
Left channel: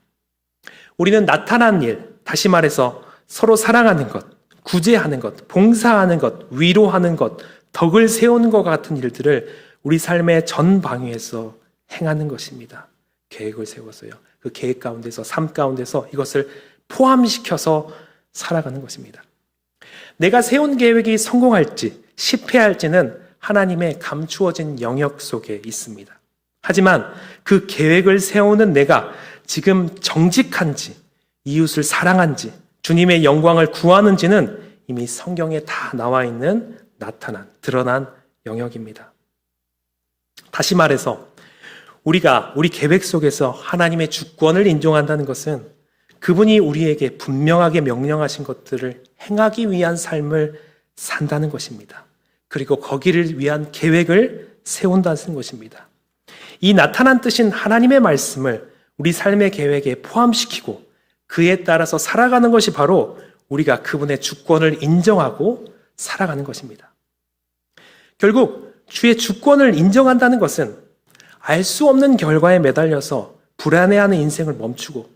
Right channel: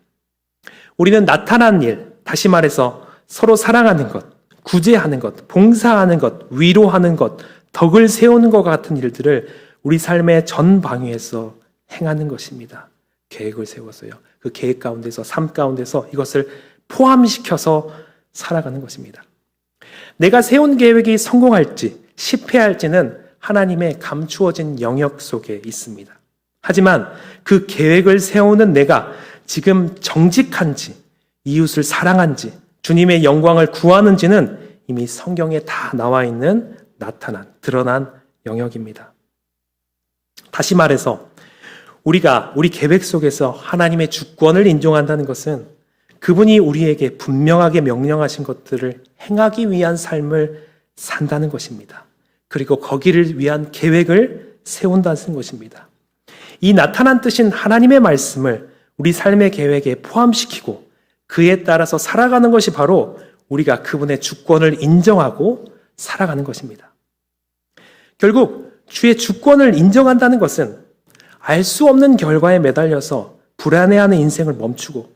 우리는 나타난 일, 다시 말해서 서로 사랑하는 것, 구제하는 것, 봉사하는 것, 위로하는 것, 덕을 세우는 것 같은 일들을 우리 삶의 전 방위에서 행하는 것입니다. 계획을 세워서요. 그 계획 가운데서, 삶 가운데서 이것을 포함시켜서 살아가는 것입니다. 내가 세운 계획이 성공할지 실패할지는 하나님의 감추어진 영역 속에 있습니다. 하지만 그 계획을 세우는 내가 지금 정직한지, 이웃을 사랑한지, 주님의 영광을 구하는지는 이미 성경에 다 나와 있는 드러난 영역입니다. 다시 말해서 우리가 우리 계획 속에서 하나님의 주권을 인정한다는 것은 그분이 우리에게 분명하게 명령하신 것들을 행하기 위한 삶을 산다는 것입니다. 그리고 거기를 위한 계획을 세운다는 것입니다. 이 나타난 뜻인 하나님의 말씀을 우리 삶의 계획에 포함시키고 그에 따라서 살아가는 것이 바로 우리가 그분의 주권을 인정하고 살아가는 것입니다. 결국 주의 주권을 인정한다는 것은 알 수 없는 결과에 매달려서 불안해하는 인생을 멈추고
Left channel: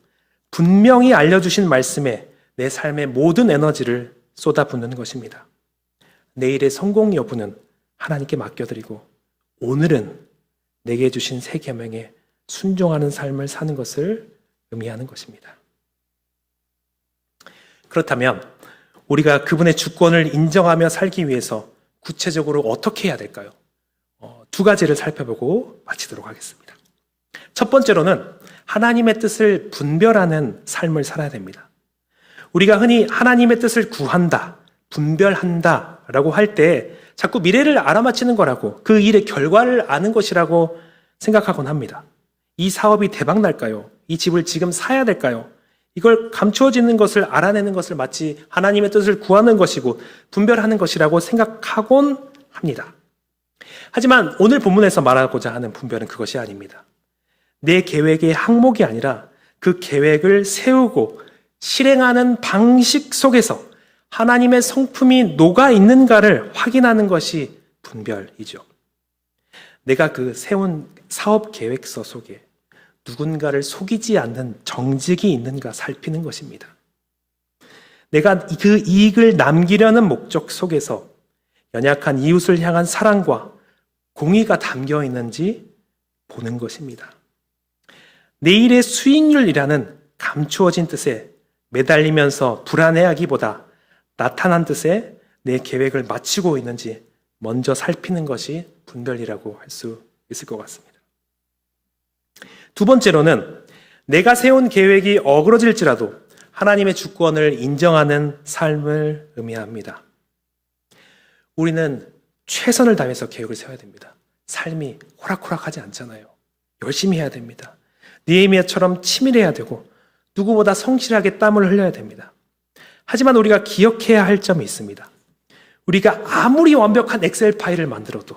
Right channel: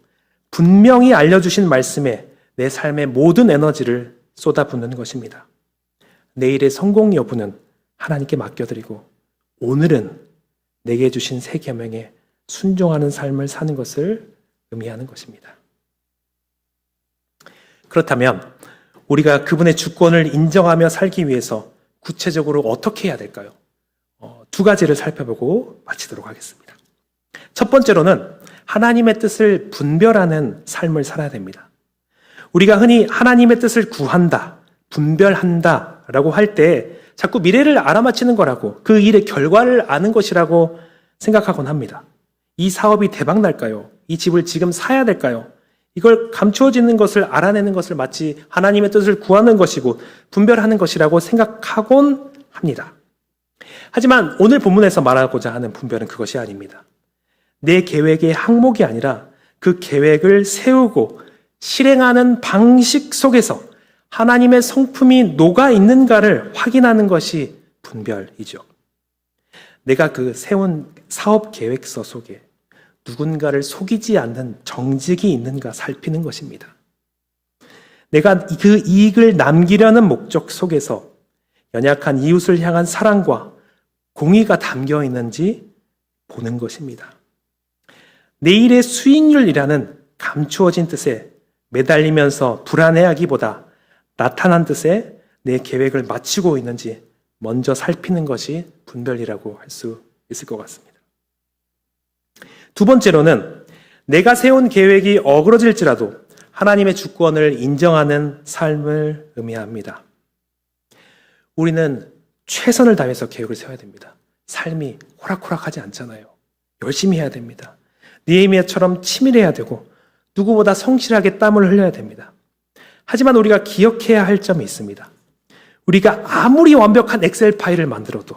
분명히 알려주신 말씀에 내 삶의 모든 에너지를 쏟아붓는 것입니다. 내일의 성공 여부는 하나님께 맡겨드리고 오늘은 내게 주신 새 계명에 순종하는 삶을 사는 것을 의미하는 것입니다. 그렇다면 우리가 그분의 주권을 인정하며 살기 위해서 구체적으로 어떻게 해야 될까요? 두 가지를 살펴보고 마치도록 하겠습니다. 첫 번째로는 하나님의 뜻을 분별하는 삶을 살아야 됩니다. 우리가 흔히 하나님의 뜻을 구한다, 분별한다 라고 할 때 자꾸 미래를 알아맞히는 거라고 그 일의 결과를 아는 것이라고 생각하곤 합니다. 이 사업이 대박 날까요? 이 집을 지금 사야 될까요? 이걸 감추어지는 것을 알아내는 것을 마치 하나님의 뜻을 구하는 것이고 분별하는 것이라고 생각하곤 합니다. 하지만 오늘 본문에서 말하고자 하는 분별은 그것이 아닙니다. 내 계획의 항목이 아니라 그 계획을 세우고 실행하는 방식 속에서 하나님의 성품이 녹아 있는가를 확인하는 것이 분별이죠. 내가 그 세운 사업 계획서 속에 누군가를 속이지 않는 정직이 있는가 살피는 것입니다. 내가 그 이익을 남기려는 목적 속에서 연약한 이웃을 향한 사랑과 공의가 담겨 있는지 보는 것입니다. 내일의 수익률이라는 감추어진 뜻에 매달리면서 불안해하기보다 나타난 뜻에 내 계획을 마치고 있는지 먼저 살피는 것이 분별이라고 할 수 있을 것 같습니다. 두 번째로는 내가 세운 계획이 어그러질지라도 하나님의 주권을 인정하는 삶을 의미합니다. 우리는 최선을 다해서 계획을 세워야 됩니다. 삶이 호락호락하지 않잖아요. 열심히 해야 됩니다. 느헤미야처럼 치밀해야 되고 누구보다 성실하게 땀을 흘려야 됩니다. 하지만 우리가 기억해야 할 점이 있습니다. 우리가 아무리 완벽한 엑셀 파일을 만들어도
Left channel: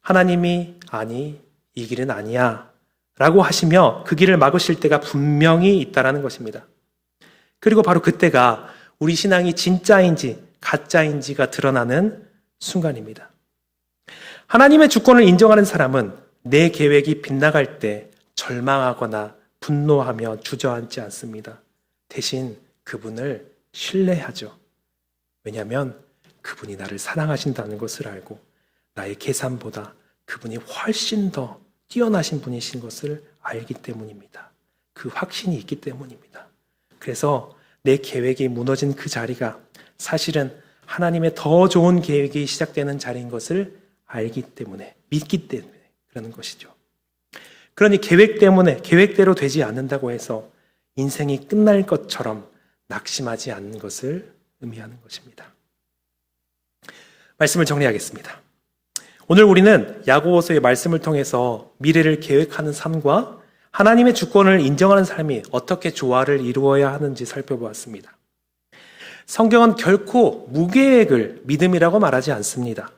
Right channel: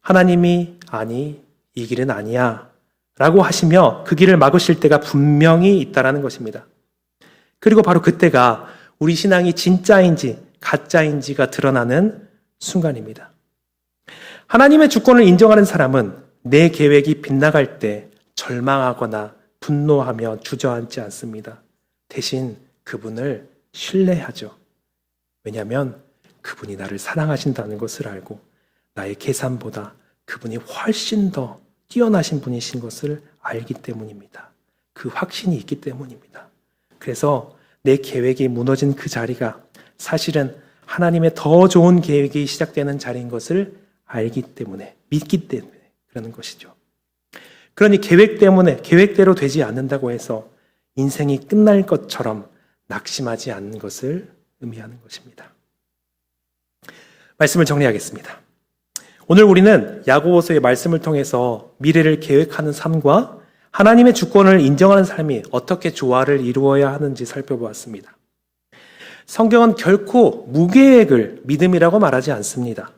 하나님이 아니, 이 길은 아니야 라고 하시며 그 길을 막으실 때가 분명히 있다는 것입니다. 그리고 바로 그때가 우리 신앙이 진짜인지 가짜인지가 드러나는 순간입니다. 하나님의 주권을 인정하는 사람은 내 계획이 빗나갈 때 절망하거나 분노하며 주저앉지 않습니다. 대신 그분을 신뢰하죠. 왜냐하면 그분이 나를 사랑하신다는 것을 알고 나의 계산보다 그분이 훨씬 더 뛰어나신 분이신 것을 알기 때문입니다. 그 확신이 있기 때문입니다. 그래서 내 계획이 무너진 그 자리가 사실은 하나님의 더 좋은 계획이 시작되는 자리인 것을 알기 때문에, 믿기 때문에 그러는 것이죠. 그러니 계획 때문에 계획대로 되지 않는다고 해서 인생이 끝날 것처럼 낙심하지 않는 것을 의미하는 것입니다. 말씀을 정리하겠습니다. 오늘 우리는 야고보서의 말씀을 통해서 미래를 계획하는 삶과 하나님의 주권을 인정하는 삶이 어떻게 조화를 이루어야 하는지 살펴보았습니다. 성경은 결코 무계획을 믿음이라고 말하지 않습니다.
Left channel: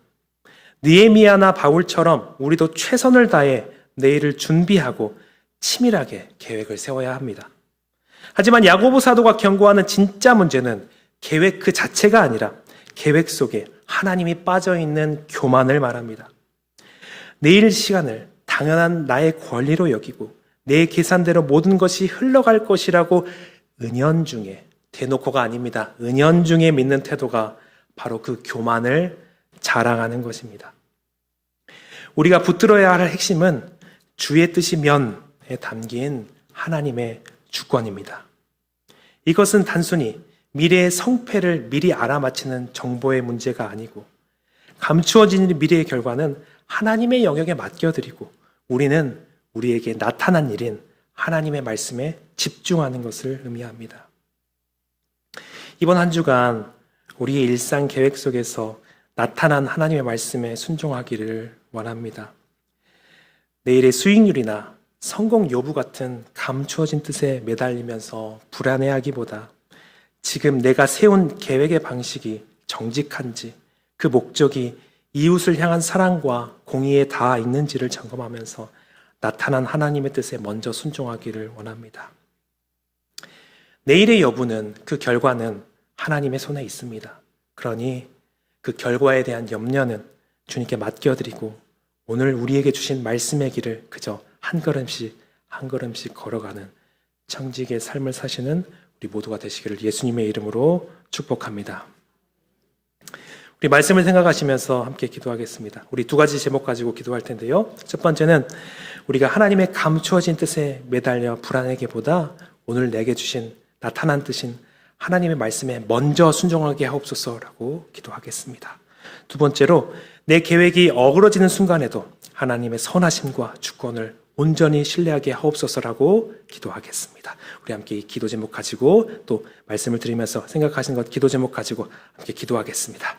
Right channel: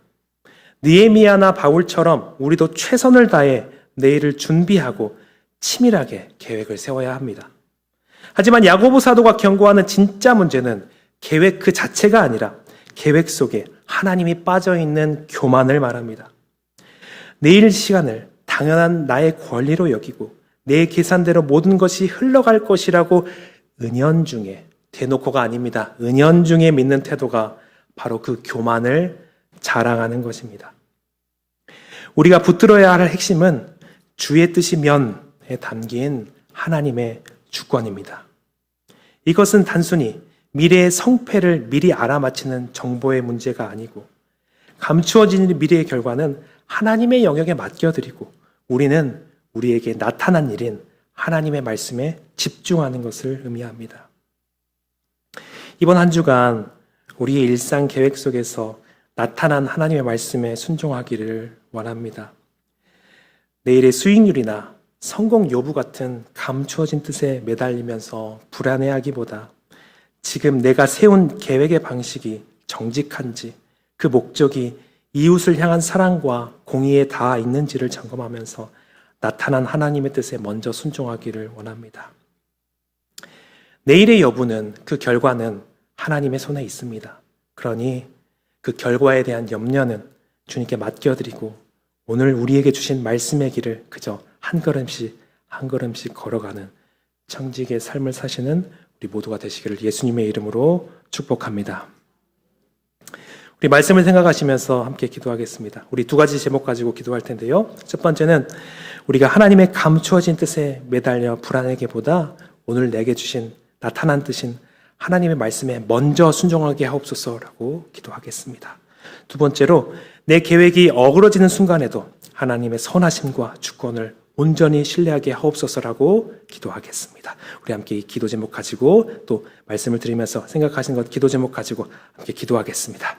느헤미야나 바울처럼 우리도 최선을 다해 내일을 준비하고 치밀하게 계획을 세워야 합니다. 하지만 야고보 사도가 경고하는 진짜 문제는 계획 그 자체가 아니라 계획 속에 하나님이 빠져있는 교만을 말합니다. 내일 시간을 당연한 나의 권리로 여기고 내 계산대로 모든 것이 흘러갈 것이라고 은연중에, 대놓고가 아닙니다. 은연중에 믿는 태도가 바로 그 교만을 자랑하는 것입니다. 우리가 붙들어야 할 핵심은 주의 뜻이면에 담긴 하나님의 주권입니다. 이것은 단순히 미래의 성패를 미리 알아맞히는 정보의 문제가 아니고 감추어진 미래의 결과는 하나님의 영역에 맡겨드리고 우리는 우리에게 나타난 일인 하나님의 말씀에 집중하는 것을 의미합니다. 이번 한 주간 우리의 일상 계획 속에서 나타난 하나님의 말씀에 순종하기를 원합니다. 내일의 수익률이나 성공 여부 같은 감추어진 뜻에 매달리면서 불안해하기보다 지금 내가 세운 계획의 방식이 정직한지 그 목적이 이웃을 향한 사랑과 공의에 닿아 있는지를 점검하면서 나타난 하나님의 뜻에 먼저 순종하기를 원합니다. 내일의 여부는, 그 결과는 하나님의 손에 있습니다. 그러니 그 결과에 대한 염려는 주님께 맡겨드리고 오늘 우리에게 주신 말씀의 길을 그저 한 걸음씩 한 걸음씩 걸어가는 청지기의 삶을 사시는 우리 모두가 되시기를 예수님의 이름으로 축복합니다. 우리 말씀을 생각하시면서 함께 기도하겠습니다. 우리 두 가지 제목 가지고 기도할 텐데요. 첫 번째는 우리가 하나님의 감추어진 뜻에 매달려 불안하기보다 오늘 내게 주신 나타난 뜻인 하나님의 말씀에 먼저 순종하게 하옵소서라고 기도하겠습니다. 두 번째로 내 계획이 어그러지는 순간에도 하나님의 선하심과 주권을 온전히 신뢰하게 하옵소서라고 기도하겠습니다. 우리 함께 이 기도 제목 가지고 또 말씀을 드리면서 생각하신 것 기도 제목 가지고 함께 기도하겠습니다.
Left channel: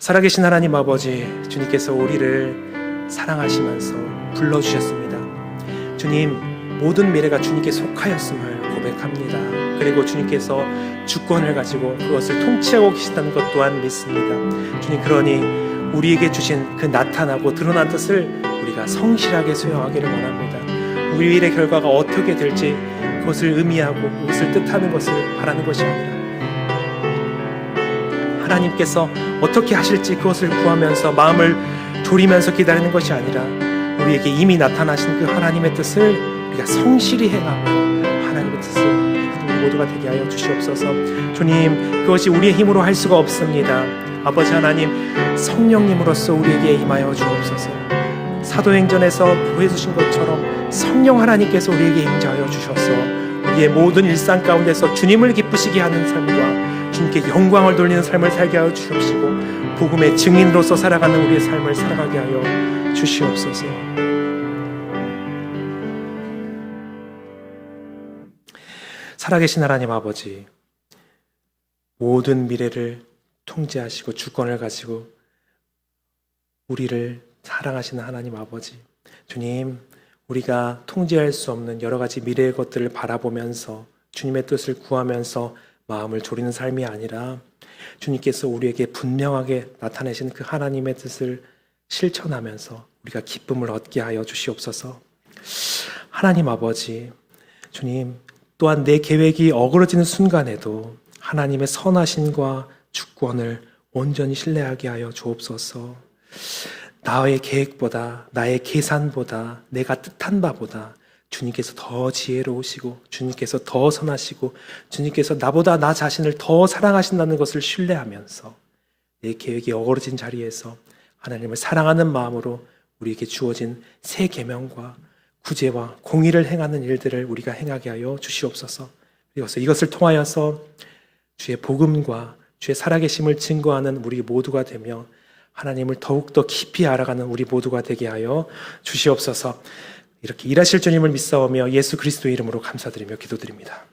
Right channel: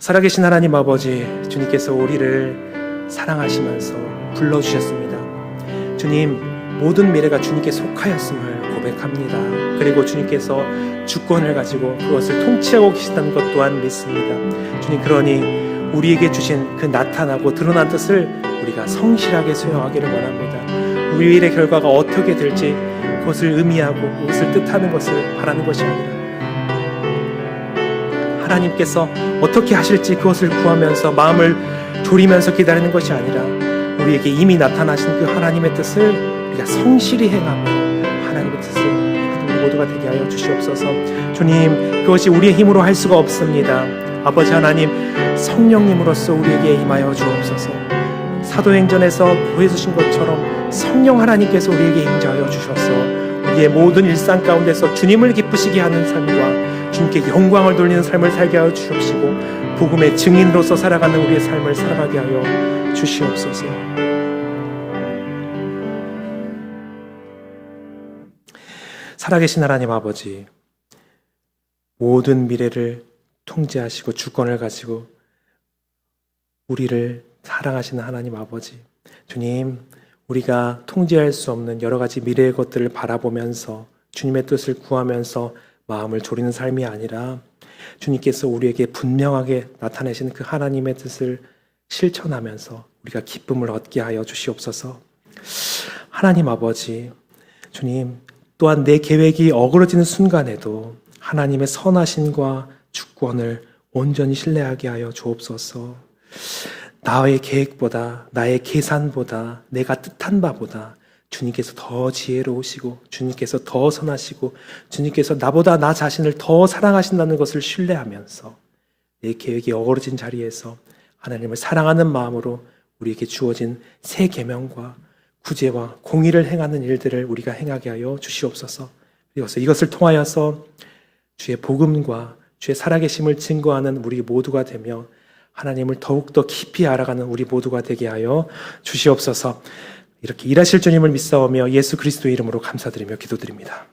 살아계신 하나님 아버지, 주님께서 우리를 사랑하시면서 불러주셨습니다. 주님, 모든 미래가 주님께 속하였음을 고백합니다. 그리고 주님께서 주권을 가지고 그것을 통치하고 계시다는 것 또한 믿습니다. 주님, 그러니 우리에게 주신 그 나타나고 드러난 뜻을 우리가 성실하게 수행하기를 원합니다. 우리 일의 결과가 어떻게 될지 그것을 의미하고 그것을 뜻하는 것을 바라는 것이 아니라 하나님께서 어떻게 하실지 그것을 구하면서 마음을 졸이면서 기다리는 것이 아니라 우리에게 이미 나타나신 그 하나님의 뜻을 우리가 성실히 행하고 하나님의 뜻을 우리 모두가 되게 하여 주시옵소서. 주님, 그것이 우리의 힘으로 할 수가 없습니다. 아버지 하나님, 성령님으로서 우리에게 임하여 주옵소서. 사도행전에서 보여주신 것처럼 성령 하나님께서 우리에게 임하여 주셔서 우리의 모든 일상 가운데서 주님을 기쁘시게 하는 삶과 주님께 영광을 돌리는 삶을 살게 하여 주시옵시고 복음의 증인으로서 살아가는 우리의 삶을 살아가게 하여 주시옵소서. 살아계신 하나님 아버지, 모든 미래를 통제하시고 주권을 가지고 우리를 사랑하시는 하나님 아버지, 주님, 우리가 통제할 수 없는 여러 가지 미래의 것들을 바라보면서 주님의 뜻을 구하면서 마음을 졸이는 삶이 아니라 주님께서 우리에게 분명하게 나타내신 그 하나님의 뜻을 실천하면서 우리가 기쁨을 얻게 하여 주시옵소서. 하나님 아버지, 주님, 또한 내 계획이 어그러지는 순간에도 하나님의 선하심과 주권을 온전히 신뢰하게 하여 주옵소서. 나의 계획보다, 나의 계산보다, 내가 뜻한 바보다 주님께서 더 지혜로우시고 주님께서 더 선하시고 주님께서 나보다 나 자신을 더 사랑하신다는 것을 신뢰하면서 내 계획이 어그러진 자리에서 하나님을 사랑하는 마음으로 우리에게 주어진 새 계명과 구제와 공의를 행하는 일들을 우리가 행하게 하여 주시옵소서. 이것을 통하여서 주의 복음과 주의 살아계심을 증거하는 우리 모두가 되며 하나님을 더욱더 깊이 알아가는 우리 모두가 되게 하여 주시옵소서. 이렇게 일하실 주님을 믿사오며 예수 그리스도의 이름으로 감사드리며 기도드립니다.